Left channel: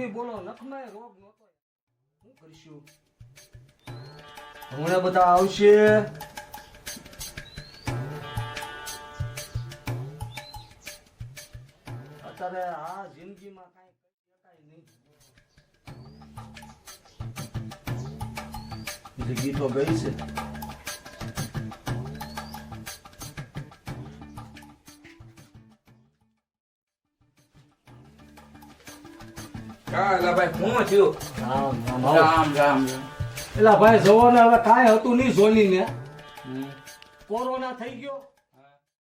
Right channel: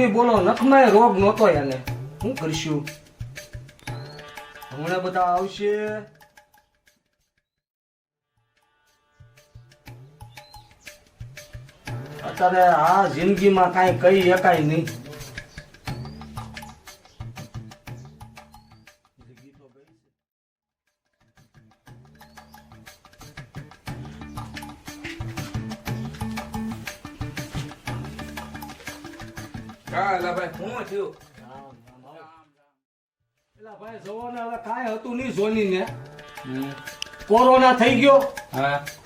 નહીં બોલો, નખમાં રોગ નહોતો એને. શું કરશું? હમણાં બધા આવશે. અત્યારે આ જિંદગીમાં કાંઈ કહી શકાય નહીં. જિંદગી તો ગઈ છે. ભાઈ શું થયું? રામ રામ. એલા ભાઈ જોવો ને, હવે કાંઈ હતું નહીં જોની ને. કોરોના થઈ ગયો.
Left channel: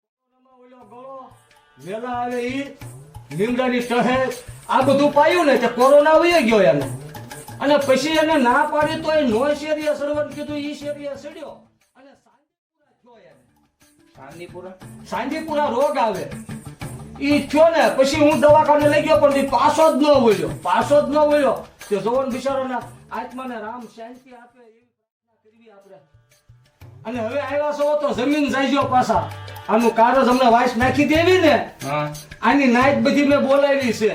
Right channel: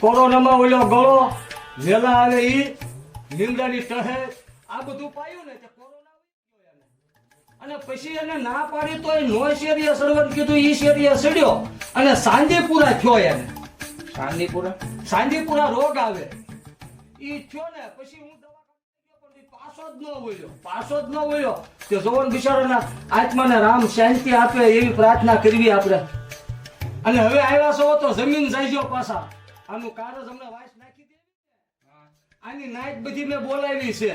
કોરોનામાં ઓલો ગળો વેલા આવે ઈ લીમડાની ટહે આ બધું પાયું ને તે કોરોના વહી ગયો એને. અને પછી એને ના પાડી તો એ નો શેરીએ સડવાનું કીધું, ઈ શેરીએ સડ્યો અને સાંજીપુરા થયો એને. સાંજીપુરા રોગ આવે ઈ થયો ને. પછી હું દવાખાને લઈ ગયો પણ પાછો જ ન વળ્યો. તે જોવન બિચારાના આત્માને રામ શાંતિ આપે એવી પ્રાર્થના કરવી આપણે. અને હવે આવ્યા છો તો જમીન જાય પાછા. આનું કારજ હમણાં વાઇસ નાખી દેવી ને, આની નાઈટ બધી મેં બોલાવી છે.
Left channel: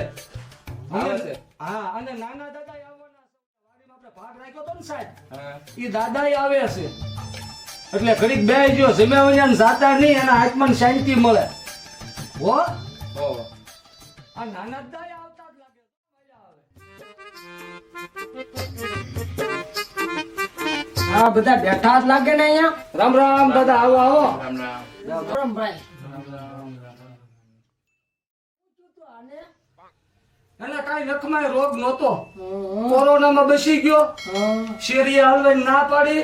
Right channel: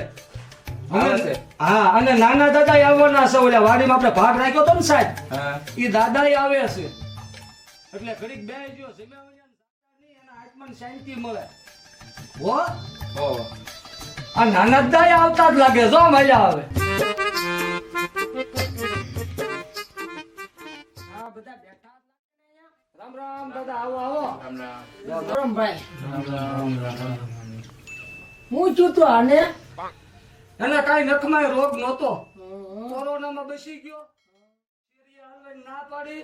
હા, અને નાના દાદા આવવાના છે. ઓલા વાડીમાં આપણે ભાગ રાખ્યો તો ને સાહેબ, એ દાદા આવે છે. એટલે ઘડીક બે ગયો જમ્યા વયા જાતા નહીં, એના આત્માને શાંતિ મળે. હો આ નાના દાદા આવતા જ લાગે. જો મજા આવે. આ બધા બેઠા જ લાગે ને અહીંયા. રામ રામ દાદા, આવો આવો. રામ ભાઈ. હું છું તો આને એને કાંઈ નખમાં રોગ નહોતો. કોરોનામાં બસી ગયો. શેરીએ હાલવાની ના પાડી,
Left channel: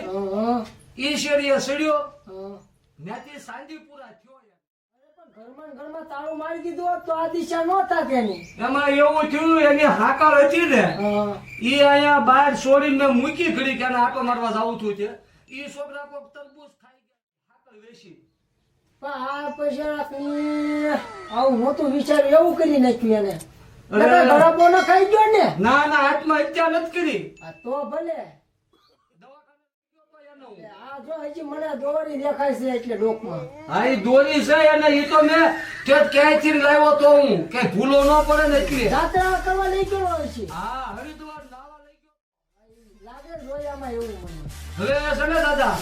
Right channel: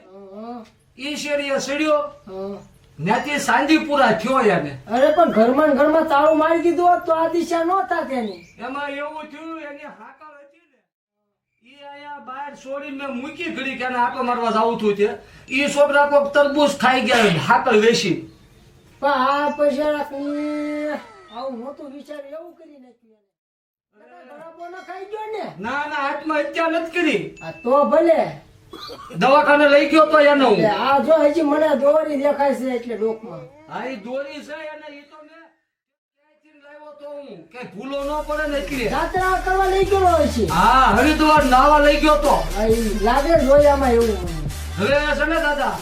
ઈ શેરીએ સડ્યો. ત્યાંથી સાંજીપુરા થયો એને. અરે પણ ઘરમાં ને ઘરમાં તાળું મારી દીધું હોત તો આ દિશા નહોતા તેની. એમાં એવું થયું, એની હાકર હતી ને, ઈ અહીંયા બહાર છોડીને મૂકી ઘડી કે આટો મારવા જવું થયું છે. ઈ છોકરા કોક તરબૂચ ખાઈ ગયા હાકર વેચી. પણ આ પૈસા આવું નહોતું વિચાર્યું, એવું કરી નાખ્યું એને. ગળાપો ન ખાઈ ગયો ને. ના ના, આત્મહત્યા નથી કરી. આ તો ભલે દવાખાને લઈ ગયો તો એને હું. આ જો હજી મને દોરી દેખાય છે એટલે ડોકમાં. હા, ઈ દોરી છે અને ઈ તો મેં ક્યાંયથી લાવ્યો તો હું, ક્યાંય ભૂલો ન પડે ને એટલે. જાત્રા કરવા લઈ ગયો હોય છે. હા, હરિદ્વાર નાવા લઈ ગયો તો. લાગે જોયામાં એવું. હવે છે ને દાદા,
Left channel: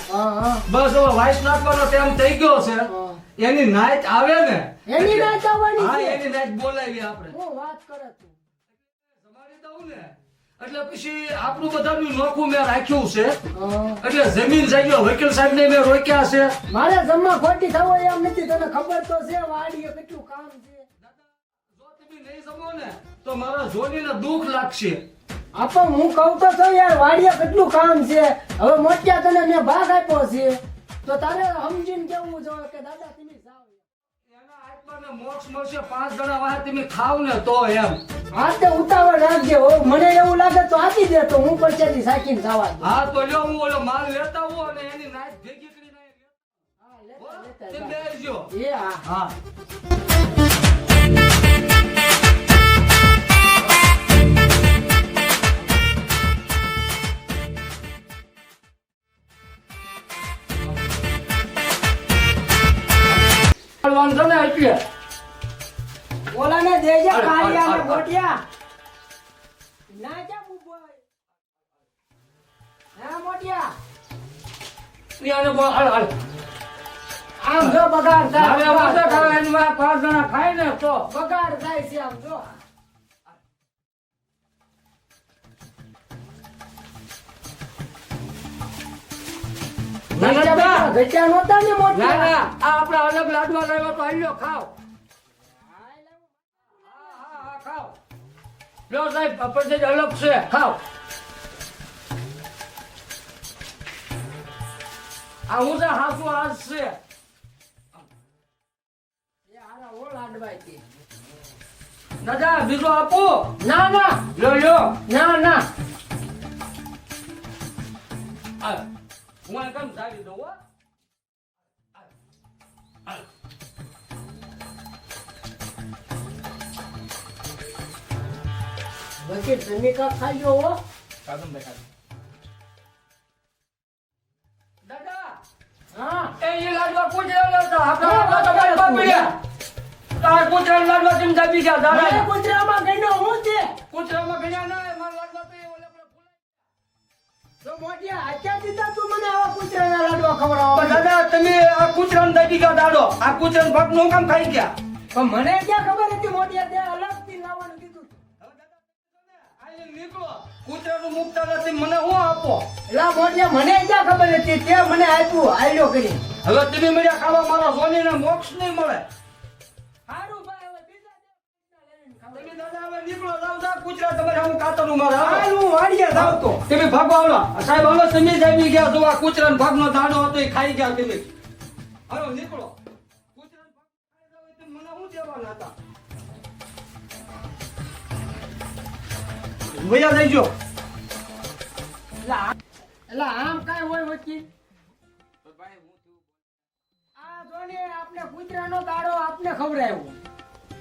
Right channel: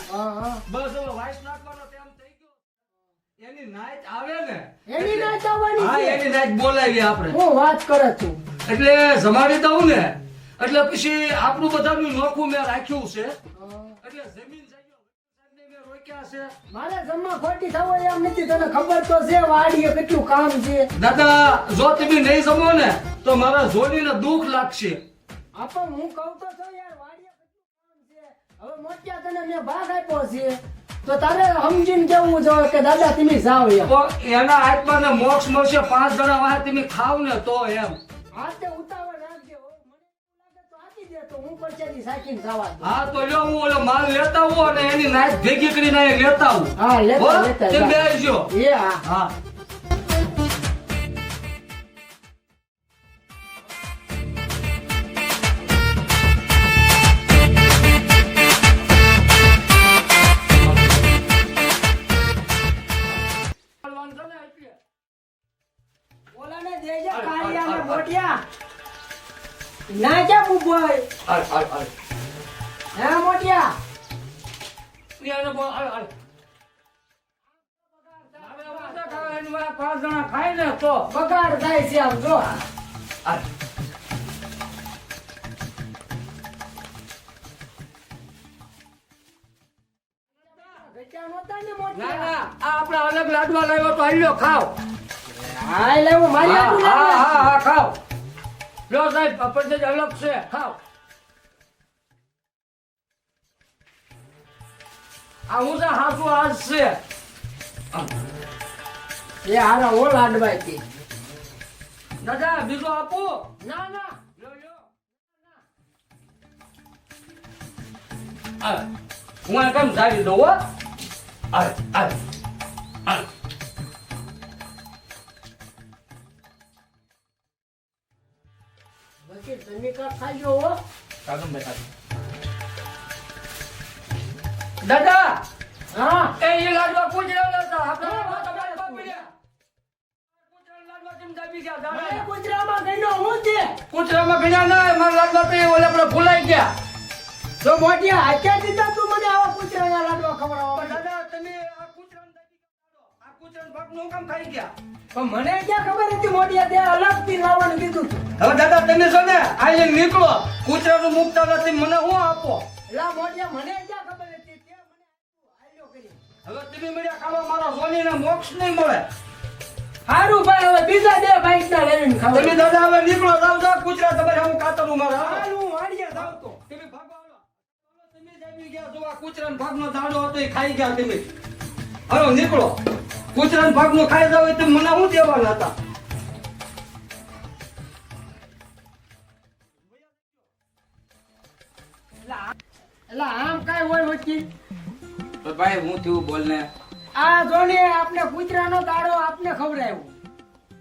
બસ હવે વાઇસ નાખવાનો ટાઈમ થઈ ગયો છે. એની નાઈટ આવે ને, એની નાઈટ આવવાની હા, છે. એની નાઈટ બોલાવી આપણે. હું વાત કરે છું. એટલે જમાડી દઉં ને, એટલે પછી આપણું બધાનું નોખું મેં રાખ્યું છે. એટલે જમીન જાગ્યો વકીલ સાહેબ ને મેં રોક્યા છે. મારે જમવા ખોટી થવો એમ નથી, તને ખબર તો છે વાડીએ કેટલું કામ છે. દાદા, જો તમે નહીં જમો ને તો મારા જોડીને દુઃખ લાગશે. આપણ હું કહું તો છો યાર, વાડીએ કેટલું કામ છે. હવે મોટિયા તને મેં ભાગ આપ્યો છે તો તારે સમજીને કેવું જોઈએ કે દાદા તમે જાઓ એમ. તો એના આત્માને મોક્ષ મળશે. 5 જણા વાહે તમે ખાવ ને તો એમ. હા તે ઉતાવળ રાખજે. મને એવું લાગે તો આપી દે તો હું પરચેથી સાકીને જવા દઉં. હા તો લ્યો, હું ઓલો માલ લેતા આવું અને એની નાઈટ ભેગી કરીને અહીંયા લેતા આવું. હા લેતા લેતા તેમ જા. બેસજો. એ હા હા. વાંધો ને એટલે ઓલાને દેજે કાળિયાને મોટિયા. ના જા બુબોય. હે મોટિયા. આમ જો બગાડ થાય. 5 જણા ખાય ને તો બગાડ થાય છે આમ જો. ઘટ્યા નહોતા ને ના મોટિયા. ના, આ આપણે અલગ લાડવા લાવ્યો તો આલ્યો ખાવ. હા લેવું મારી હા આટલું હા લાગે. હા હા, ખાવ. લ્યો સાહેબ, પપૈયા અલગ છે, ખાવ. આ હું તો હાસુ આજ છે. એ હારા ઓ લાડવાય થી. દાદા, બીજો આપો. ના ના લ્યો લ્યો. ના ના. આ, હું આ કેમ ધારી દઉં હો. આ, આ, આ. બાકી તમે કા ખાજો હો. દાદા, હા એ લાડવા પૂછેલા હતા. આપણે લાડવા તો બાર બાર પડ્યા. આ કૂતરાના લાડવા કેમ દાબી ગયા મને દાદા? કૂતરામાં ગણ્યો હું છે કૂતરામાં ગણ્યા ના મારા લાડવા તો એ ઓલા આપણે ભૂલાઈ ગયા. તો મોટિયા હાચ્યા દીધા તું મને આવા કૂતરાના લાડવા પણ ખવડાવવા દાદા તમે આ કૂતરાને દાબી ગયા દાડો. આ કૂતરાના ભાગનું હું કામ ખાઈ ગયા? પણ મને ક્યાં ખબર હતી મોટિયા તે અલગથી લાવવાનું કીધું તું હવે દાદા તમે છો ને આ લઈને નીકળો. કૂતરાનું મુકતા નથી મને શું આપો? એલા મોટિયા મને ક્યાં ખબર હતી તે મને આપ્યું આલ્યો કરી હવે તમે મળ્યા ખાવા મારા સોનીને મોક્ષ નહીં મળે. સારું ભાઈ હવે બીજા બે બાઈક ના લઈને તમે ખાવા દાદા હવે નીકળો જાવ જાવ કૂતરા તમારે હું કાતરનું મારે હાલો. હાલ હું વાડિયા જાવ તો તમે ભાગો હાલો. સાહેબ હાલો તમે જ આવી ગયા જો આ કૂતરાના ભાગનો દાડો હતો એ ખાઈ ગયા તમે. હાલો નીકળો. કૂતરાના ભાગનો ખાઈ જાવ એટલે મને શું દેવાના હતા? ભૈયા જઈજો. એલા આમ કાઈ હોય વકીલ તો ભાઈ હું થયું બોલ ને. આ જોને આપને કૂતરાનો દાડો આપને ખવડાવ્યો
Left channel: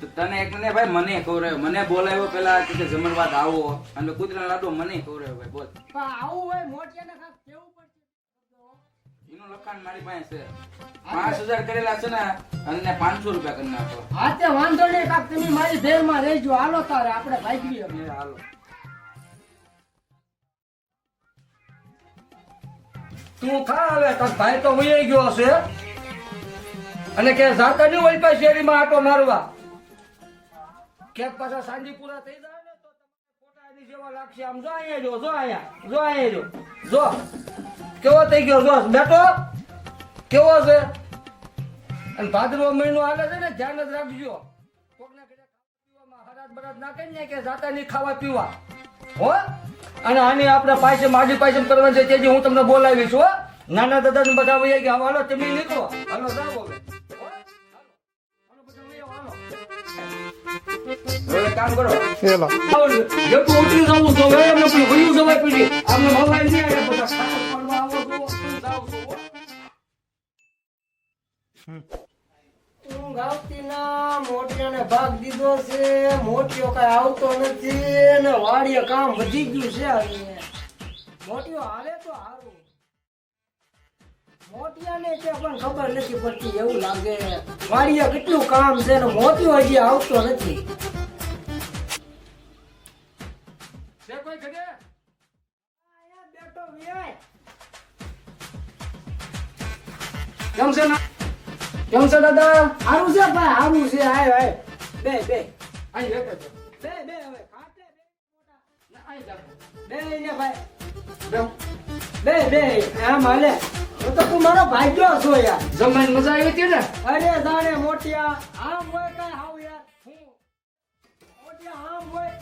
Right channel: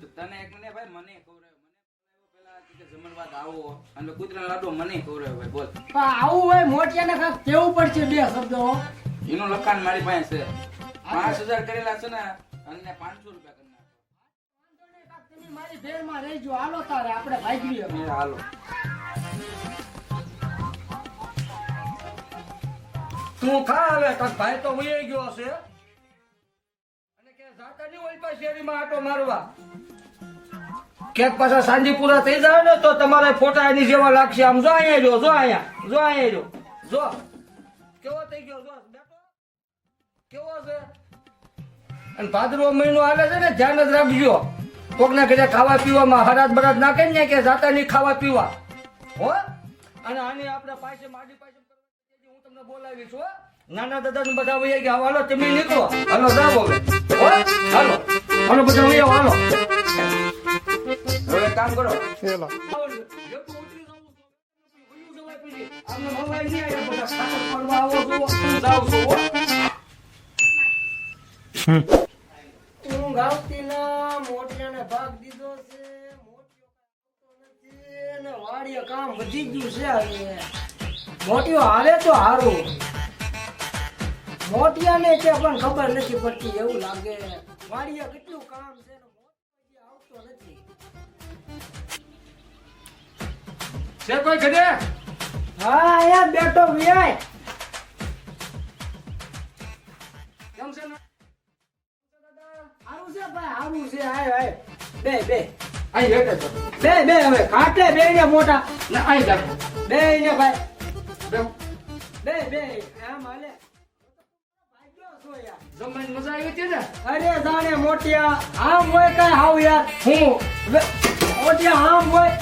તો તને એક ને ભાઈ મને ખવડાવ્યો, મને બોલાવ્યો પેલા કે જમણવાદ આવો અને કૂતરાનો લાડવો મને ખવડાવ્યો ભાઈ બોલ. પણ આવું હોય મોટિયાને કાંઈક કેવું પડશે બે શબ્દો એનું લખાણ મારી પાસે છે. 5000 કરેલા છે ને અને 500 રૂપિયા કરી નાખો. હા તે વાંધો નહીં કાક તમે મારી ભેરમાં રહેજો હાલો તારે આપણે ભાગીએ એ હાલો. તું ખા હવે તાર ભાઈ તો વહી ગયો હશે અને કે જાતા નહીં હોય પાછી શેરીમાં આટો મારવા. ક્યાંક પાછા સાંજીપુરા થઈ જાય ને તો તમારે ફોટા એની જેવા લાગશે. આમ જો અહીંયા જો જો અહીંયા જો અહીંયા જો કેવો થઈ ગયો જો બેટો કેવો છે. અને ભાદરવો મહિનો હાલે છે ને ધ્યાન જ રાખજો. કોકના ઘરે ખાવા પીવામાં હરાજ બરાજ નાખે ને કે જાતા નહીં ખાવા પીવા હો. અને આની આપણે પાસે માડી પાસે કરવાની છે તેથી હું તમને બોલાવીશ હો. નાના દાદા ને બધા વહી ગયા. હાલો તમે નીકળો. હાલો જાવ હવે હો. હાલો હાલો બધા વહી આવો, હાલો. હવે એક કામ કરો જેટલું ઉતરી જવું તો હવે એમને પેલું વયું જવાય પડી આમને ભવાય નહીં આવ્યા બધા ખાતર પડવા આવો છો જાવ છો હો. ઊંઘ આવતી ના મોટિયાને ભાગ દીધો છે મોટિયો કઈ આવતો નથી ને વાડીએ કામ વધી ગયું છે હવે મોટિયો આવે તો હારું મોટિયાને કે પણ ખબર નથી પડતી એવું લાગે વાડીએ કેટલું કામ છે ને મોટિયો હજી આવતો નથી છે કોઈ ઘરે? હા અહીંયા બેઠો વ્યાય કેમ છે ના કેમ છે દાદા? હારું છે ભાઈ હારું છે આય આય બે બે અહીં બેઠે છો બે બે હવે ખાટલે બે ને મોટા ને અહીં જાવ બે ને ભાઈ બેહો. બે બે આમ હાલે હું તો તું મારો ભાગ્યો છો યાર જમવાની મજા આવી હતી ને? અરે જાણે મોટિયા આમ હોય કઈ હાવ યાર હું મોટિયા આમ હોય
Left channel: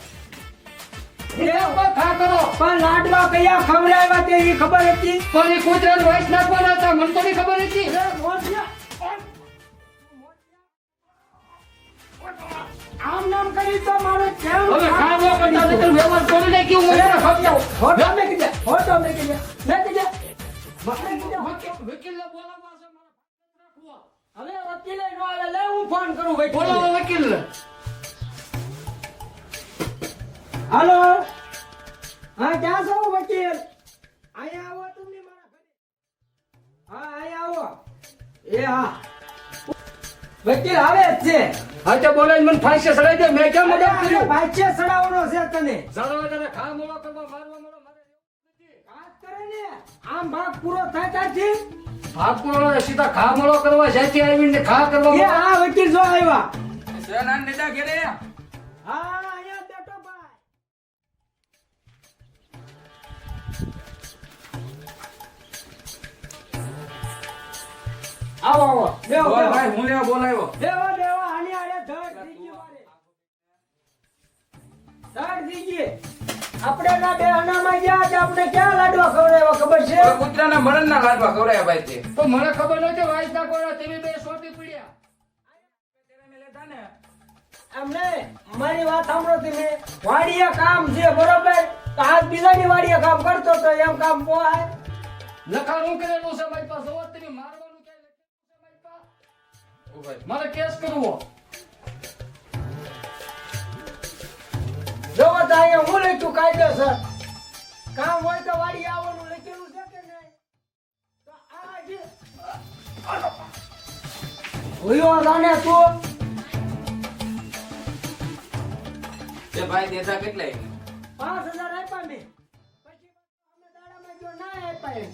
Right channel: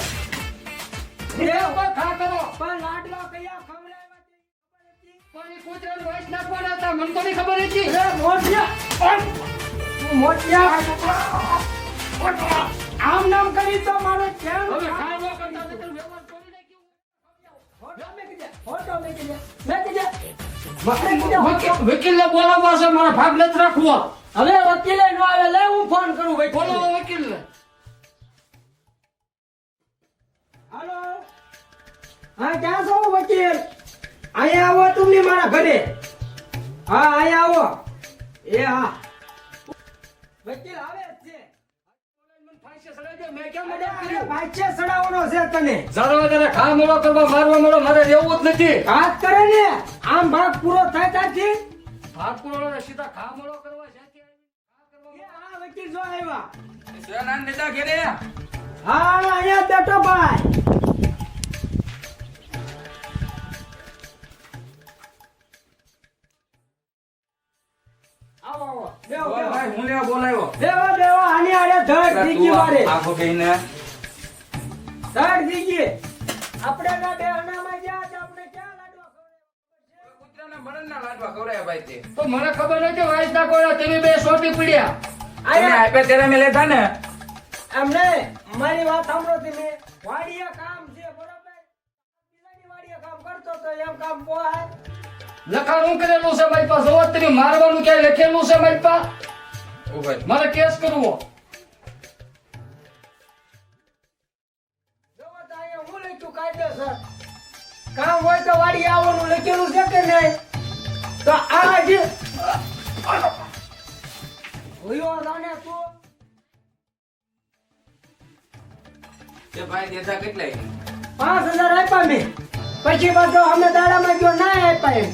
એ કોઈ ખા કરો પણ લાડવા કયા ખવડાવ્યા તે ઈ ખબર હતી પણ એ કૂતરાને વાઈસ નાખવાના હતા મને તો નહીં ખબર હતી. અરે મોટિયા તું મોટિયા આમ નામ કરી તો મારે કેમ હવે ખાવા કરતા નકર વ્યવહાર કરી નાખ્યું મને ખબર. ફોટો મેકી દે ફોટો મેકી દે મેકી દે વકીલને બોલાવવા છે મારા ભાગ નથી રાખવો. હવે વકીલે નો આવે લે હું ફોન કરું ભાઈ બોલાવો વકીલને. હાલો હા ક્યાં છો વકીલ અહીંયા આવો તમે મારા ઘરે હા અહીંયા આવો એ હા વકીલ આવે જ છે હા તે બોલાવીને મને ફાંસી ચડાવી દે. મેં કેમ મદદ કર્યું? ભાઈચે સડાવવાનો છે તને જારો તને ખા મોળો કરવા મારવા મોળો મારે રહેવું જ નથી. હાથ કરે ને આમ ભાગ પૂરો થાય ત્યાંથી ભાગપુરો સીધા ખા મોળો કરવા જ્યાંથી આવીને ખા કરવા એ હા વકીલ જો આવ્યા સનાન નેતા ઘેરે. હા અહીંયા બેઠો ભાઈ આવો આવો બેહો બોલ બેહો ભાઈ હું લેવા બોલાવ્યો. બેહો બેહો આની આડે ધડ દીકી મારે આખો કહીને ધડ દીકી આપણે ના બે અનામાં ગયા તે આપણે ક્યાં લાડવા ખવડાવ્યા ખબર છે કૂતરાના મરણના લાડવા ખવડાવ્યા ભાઈ તે. તો મને ખબર નથી વાઈસ નાખવાના તમે બે સોટી પીડ્યા. તમે આયા આપ્યા ત્યારે મેં લેતા ને. એમને મારી વાત સાંભળો તમે વાડીએ કામ છે બરોબર તો આજ બીજાની વાડીએ કામ કરતો તો એમ કામ પોહાય લખાણ હું કરેલું છે મારી પાસે. જોવો તમે મારવાનું ક્યાંય લખેલું છે મારી પાસે? ઓ ભાઈ મારે કેસ કરવો. જોવો તો અહીંયા હું લખ્યું કાયદેસર કામ હોય તો વાડી આવવાનું લખેલું છે કે નહીં તો આ જે હુયો જાણે તું એ ભાઈ દેતા કેટલાય 5,000 આપ્યા મેં. પછી પાછો અમે દાડામાં જો ના આપ્યા એમ.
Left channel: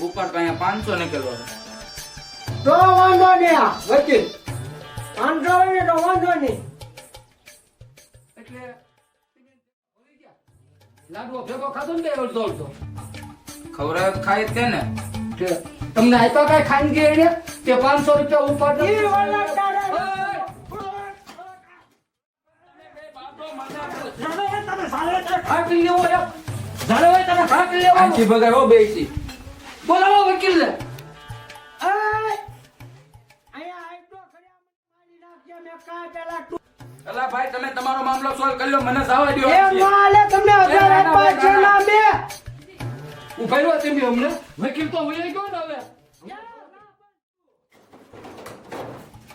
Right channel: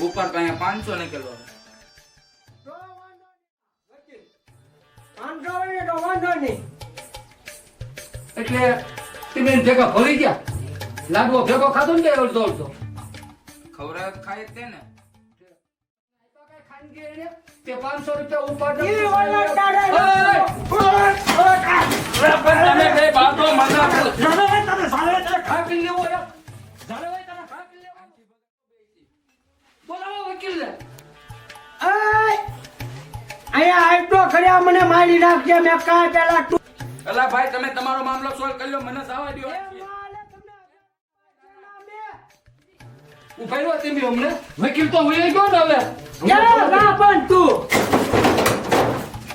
ઉપર તો અહીંયા 500 નીકળવો તો વાંધો નહીં આ વકીલ. 500 હોય ને તો વાંધો નહીં. એટલે તમે એને ભેગા ભરી ગયા લાડવો ભેગો ખાધો ને કે અડધો અડધો ખવડાવે તો ખાય જ તે ને કે તમને આપ્યા કાંઈ ખાઈને ગયા એને કે 500 રૂપિયા ઉપાડ ઈ ઓલા તારે- તમે બે બાતો મને ખાકી લેવો છે જાણે હોય તને ખાકી લેવો આંચી ભગાવો બેસી બોલાવો વકીલ ને એય! અહીંયા આટલો ખર્યા મને મારી નાખજે. મેં કાંઈ પેલા અલા ભાઈ તમે તમારો મામલો સોલ્વ કરી લો મને જવા દ્યો એ માલે તમને 1000 આપ્યા છે ના બે. ઉભા રહ્યો તમે અમને વકીલ તો વહી ગયો ને હવે યા ગા પણ તું.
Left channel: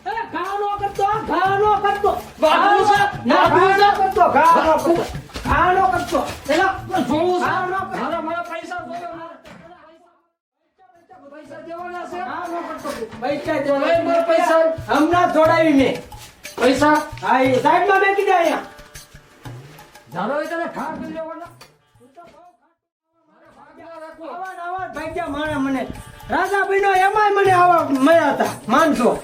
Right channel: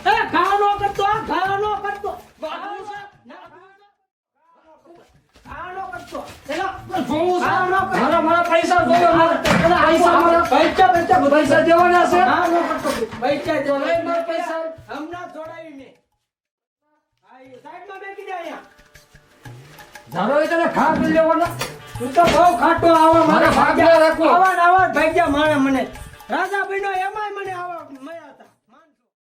એ ઘા નો કરતો, ઘા નો કરતો. બાબુ છે, ના, બાબુ ઘા નો કરતો, ઘા નો કરતો. ઘા નો કરતો. એલા, જોવું છે ઘા નો કરતો. મારા પૈસા જોયો પૈસા મારા પૈસા દેવાના છે ઘા નો કરતો. પૈસા તો લઈ મારા પૈસા હમણાં જોડાવી મેં. પૈસા હા, એ સાઈડમાં મેકી દે અહીંયા. ધારો હોય તને ખા કરી લેવાના તું તો બહુ ખાટો આવા મારે ભાગ્યા રાખો. આવા ને આવા જ ભાગ્યા મારે મને. રાજા બન્યો એમાંય મને આવા મળ્યા હતા માનસો.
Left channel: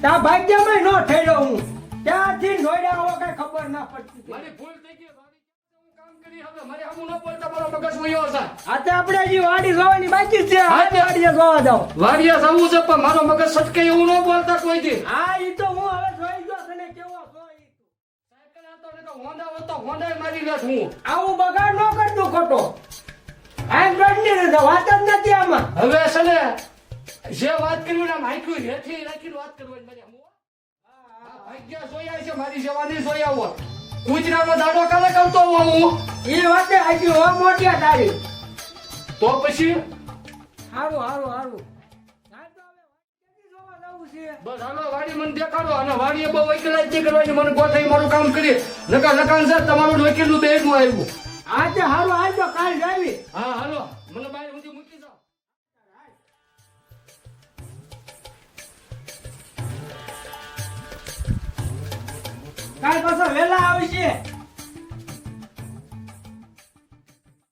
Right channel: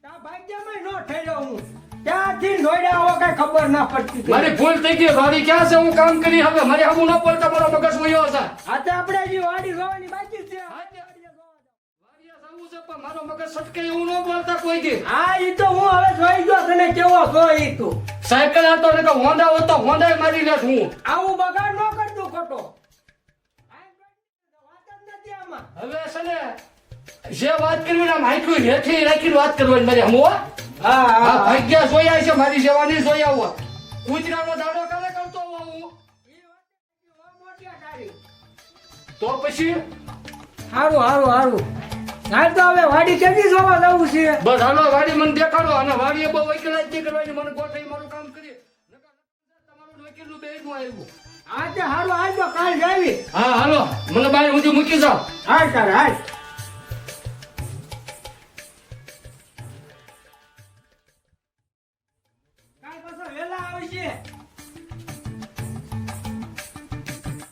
ત્યાં ભાગ્યામાંય નો ઠેર્યો હું. ત્યાંથી દોડ્યા આવો કઈ ખબર ના પડતી હતી. મારી ભૂલ થઈ ગઈ વાડી ક્યાં છે હું કામ કરી હવે મારી હમું ન બોલતા મારો મગજ વયો છે આ તો આપણે હજી વાડી જોવાની બાકી જ છે. હા, તે- વાડીએ જોવા જાવ. વાડિયા જવું છે પણ મારો મગજ સટકે એવું ન બોલતા કોઈ દી હા, ઈ તો હું હવે જોઈ ગયો તને કેવો છો ઈ તું. સાયકલ હતો ને કે હોન્ડા હોતો હોન્ડા મારી લેત હું આવું બગાડ ન કરતું ખોટો. આમ ગણની નથી, વાત જ નથી આમાં. હવે છે ને જે વાત કરવી ને માઇક્રો હેઠી રાખીને વાત કરવાની મારી હમો હા, આ હા. ભાગ્યા જોયા છે મારી સેવાની જોયા આવો કૂતરાનો દાડો કાલે કરતો હોઉં હું ઈ વાતે હજી હો મોટિયા તારી. તો પછી હારું હારું હારું. હાલ તો હવે વાડી કેદી જોવા જવું છે. બસ હાલો વાડી મને દેખાડો અને વાડીએ બહુ વકીલાત નહીં કરવાની મને ગોઠવી મારું કામ કરી લકાન સર તમારું વકીલનું બેગનું આવ્યું આજે હારું હાલ તો કાલ જાવી. હા હાલો મને બાય સુધી મૂકી જાઓ હાલ તારે હાલ. કાલ પાછો વેલા આવી છે.